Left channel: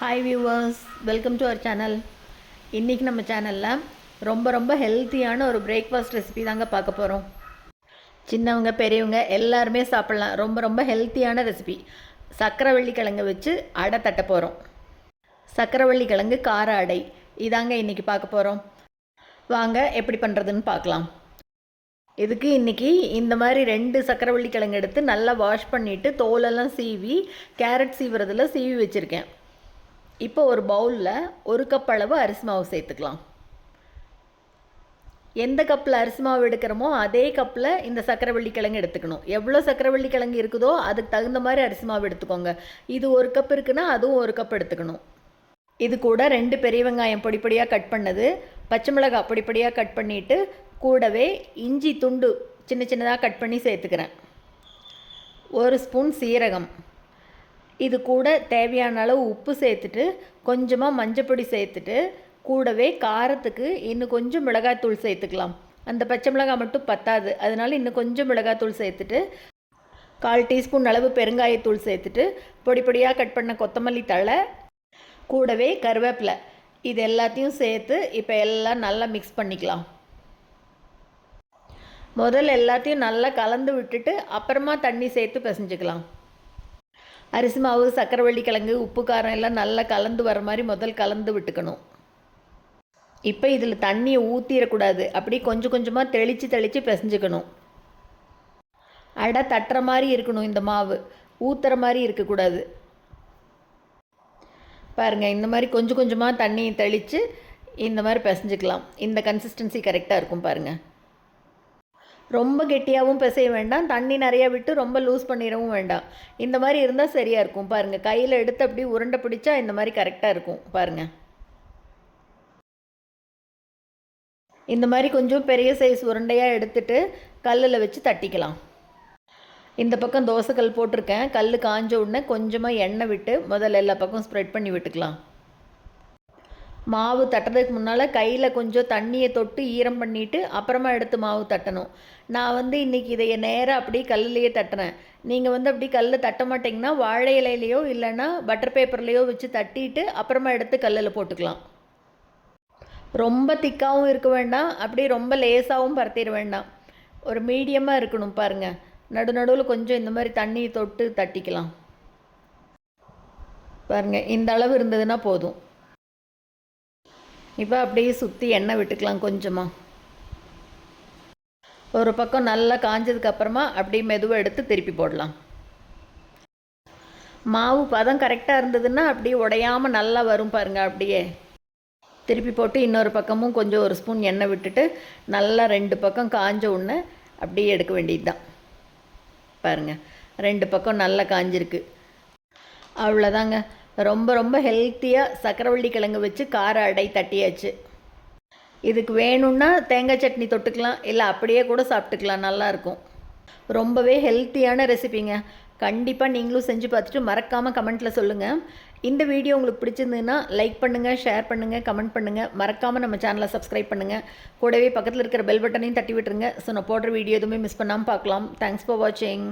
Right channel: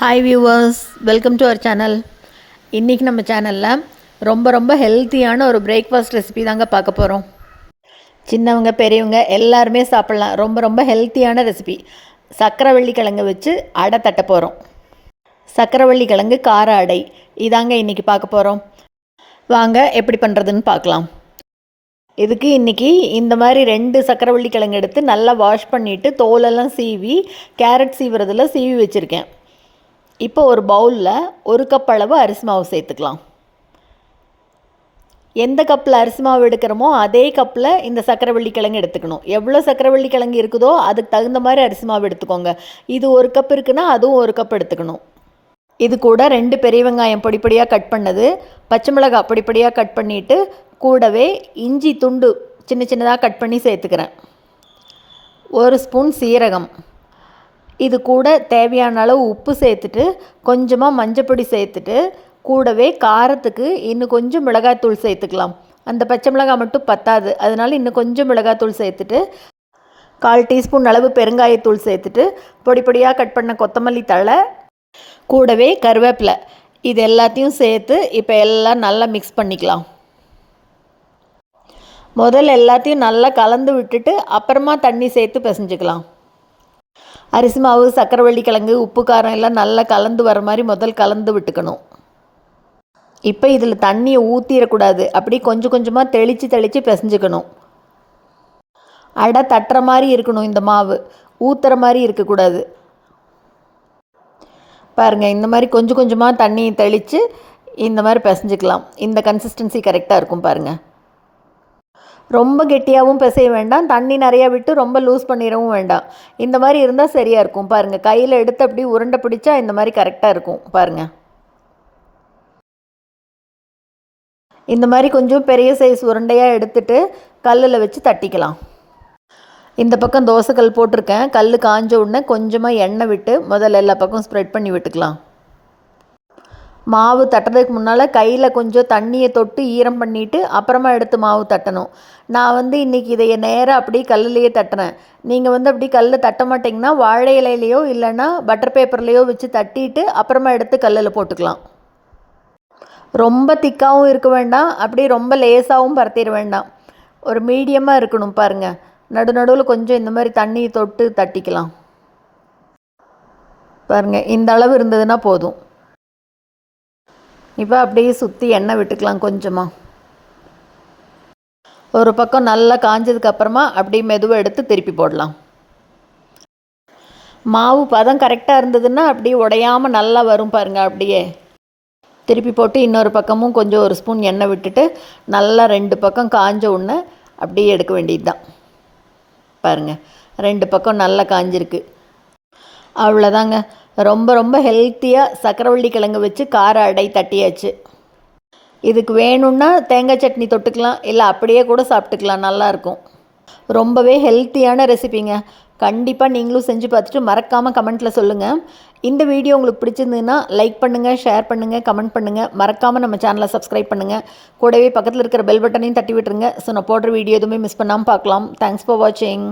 Hi viewers welcome to our channel இன்றைக்கி நம்ம சேனலில் ரொம்ப ரொம்ப ஹெல்த்தியான ஒரு பிரேக்ஃபாஸ்ட் ரெசிபி தாங்க பார்க்க போகிறோம் சின்னவங்க பெரியவங்க எல்லாருமே சாப்பிட்லாம். ரொம்ப ரொம்ப ஹெல்த்தியான ரெசிபி சக்கரை கிழங்கு வச்சு அடை தட்ட போகிறோம் சக்கரை கிழங்கு கார அடை. இதாங்க இன்றைக்கி பார்க்க போகிறோம் வாங்க எப்படி பண்ணுறதுன்னு பார்க்கலாம். இதுக்கு இன்றைக்கி இந்த மாதிரி ரெண்டு சக்கரவள்ளி கிழங்கு எடுத்து நல்லா வாஷ் பண்ணிவிட்டு தோலெல்லாம் சீவி கேரட் சீவுறதில் சீவி வச்சுருக்கேன். இப்போ ஒரு பவுலில் ஒரு கப் அளவு அரிசி மாவு சேர்த்துக்கலாம். எந்த கப்பில் அரிசி மாவு எடுக்கிறோமோ அதே கப்பில் இந்த சக்கரவள்ளி கிழங்கு எடுத்துக்கணும். எவ்வளோ சக்கரவள்ளி கிழங்கு இருக்குதோ அதுக்கு தகுந்த மாதிரி அரிசி மாவு எடுத்துக்கோங்க. இது ஒரு கப் இருக்குன்னா அதுவும் ஒரு கப் எடுத்துக்கணும். இது கூட ரெண்டு பெரிய வெங்காயம் பொடிப்படியாக கட் பண்ணது. பச்சை மிளகாய் பொடிப்படியாக கட் பண்ணிவிட்டு கூடவே இஞ்சி துண்டு சின்ன சின்னதாக கட் பண்ணி சேர்த்துக்கிறேன். ஒரு ஸ்பூன் சீரகம். இது கூட தேவையான அளவு உப்பு சேர்த்துட்டு கொஞ்சமாக மஞ்சப்பொடி சேர்த்துட்டு கூடவே காரத்துக்கு இன்னும் கொஞ்சம் மிளகாய்த்தூள் சேர்த்துக்கலாம். அந்த பச்சை மிளகாய் மட்டும் பத்தாது. அதனால இன்னும் கொஞ்சம் மிளகாய்த்தூள் சேர்த்துட்டு கால் டீஸ்பூன் அளவு பெருங்காயத்தூள் சேர்த்துட்டு பொடி பொடியாக கட் பண்ண கொத்தமல்லி தழை கூடவே கருவேப்பிலை. இது எல்லாத்தையும் சேர்த்து இப்போ எல்லாம் நல்லா மிக்ஸ் பண்ணிக்கலாம். முதல்ல எல்லாத்தையும் நல்லா கலந்து விட்டுட்டு அப்புறமா தண்ணி சேர்த்து பிசைஞ்சுக்கலாம். அரிசி மாவு சக்கரவள்ளி கிழங்கு உப்பு காரம் எல்லாம் நல்லா கலந்து வர மாதிரி முதல் கலந்து விட்டுக்கணும். இப்போ இதில் தண்ணியை ஊற்றிடக்கூடாது அப்படி கொஞ்சம் கொஞ்சமாக தெளித்து தெளித்து பிசைஞ்சுக்கணும். அடை தட்டுற மாதிரி இருக்கணும் இந்த மாவு. ஊற்றுற மாதிரி இருக்கக்கூடாது. பாருங்கள் இந்த மாதிரி கொஞ்சம் கொஞ்சமாக தண்ணி தெளித்து இந்த மாதிரி பிசைஞ்சுக்கலாம். இந்த கன்சிஸ்டன்சி கரெக்டாக இருக்கும் பாருங்கள் ரொம்ப கெட்டியாகவும் பிசைய வேண்டாம் தண்ணி நிறையா விட்டு ரொம்ப லூஸ் பண்ணிடவும் வேண்டாம். இந்த மாதிரி இருந்தால் சரியாக இருக்கும். பாருங்கள் கையில் எடுத்து அப்படி உருண்டை பிடிச்சா இந்த மாதிரி கரெக்டாக இருக்கும். பாருங்கள் இந்த மாதிரி கொஞ்சம் பெரிய சைஸ் உருண்டையாக எடுத்துட்டு கல்லில் வச்சு தட்டிக்கலாம். இந்த பக்கம் தோசைக்கல் போட்டிருக்கேன். கல் காஞ்ச உடனே கொஞ்சமாக எண்ணெய் விட்டு முதல்ல எல்லா பக்கம் ஸ்ப்ரெட் பண்ணி விட்டுக்கலாம். மாவு தட்டுறதுக்கு முன்னால் கையில் கொஞ்சம் தண்ணியை தொட்டு ஈரம் பண்ணிவிட்டு அப்புறமா எடுத்து மாவு தட்டணும். நான் வந்து இன்றைக்கி இதை நேராக அப்படியே கல்லுலேயே தட்டினேன் நீங்கள் வந்து அப்படி கல்லில் தட்ட மாட்டிங்கன்னா வாழை இலையிலையோ இல்லைன்னா பட்டர் பேப்பர்லேயோ வச்சு தட்டிட்டு அப்புறமா எடுத்து கல்லில் போட்டுக்கலாம். ரொம்ப திக்காகவும் இருக்க வேண்டாம். அப்படி ரொம்ப லேசாகவும் பரத்திட வேண்டாம். ஒரு மீடியமாக இருக்கணும் பாருங்கள் நடு நடுவில் கொஞ்சம் இந்த மாதிரி தண்ணியை தொட்டு தட்டிக்கலாம். பாருங்கள் இந்த அளவு இருந்ததுன்னா போதும். இப்போ அப்படியே சுற்றி எண்ணெய் விட்டுக்கலாம் கொஞ்சமாக ஒரு பக்கம் நல்லா காஞ்சதுக்கு அப்புறமா அப்படியே மெதுவாக எடுத்து திருப்பி போடலாம். மாவு பதம் கரெக்டாக இருந்ததுன்னா அப்படியே உடையாமல் நல்லா வரும் பாருங்கள் அப்படியே. திருப்பி போட்டு இன்னொரு பக்கமும் கொஞ்சம் ஒரு ஸ்பூன் எண்ணெய் விட்டுட்டு நல்லா ரெண்டு பக்கம் காஞ்ச உடனே அப்படியே எடுக்க வேண்டியது தான் பாருங்கள் ரெண்டு பக்கம் நல்லா காஞ்சிருக்கு. அவ்வளோதாங்க ரொம்ப ரொம்ப ஹெல்த்தியாக சக்கரவள்ளி கிழங்கு வச்சு கார அடை தட்டியாச்சு. இதுக்கு வேணும்னா தேங்காய் சட்னி தொட்டுக்கலாம் இல்லை அப்படியே கூட சாப்பிட்டுக்கலாம் நல்லாயிருக்கும் ரொம்பவே ஹெல்த்தியான ரெசிபிங்க கண்டிப்பாக நீங்களும் செஞ்சு பார்த்துட்டு மறக்காமல் கமெண்ட்டில் சொல்லுங்கள் இந்த வீடியோ உங்களுக்கு பிடிச்சிருந்ததுன்னா லைக் பண்ணுங்கள் ஷேர் பண்ணுங்கள் கமெண்ட் பண்ணுங்கள் மறக்காமல் நம்ம சேனலை சப்ஸ்கிரைப் பண்ணுங்கள் கூடவே பக்கத்தில் இருக்கிற பெல் பட்டனையும் தட்டி விட்டுருங்க. ஸோ நான் போடுற வீடியோ எதுவுமே மிஸ் பண்ணாமல் பார்க்கலாம். தேங்க்ஸ் ஃபார் வாட்சிங்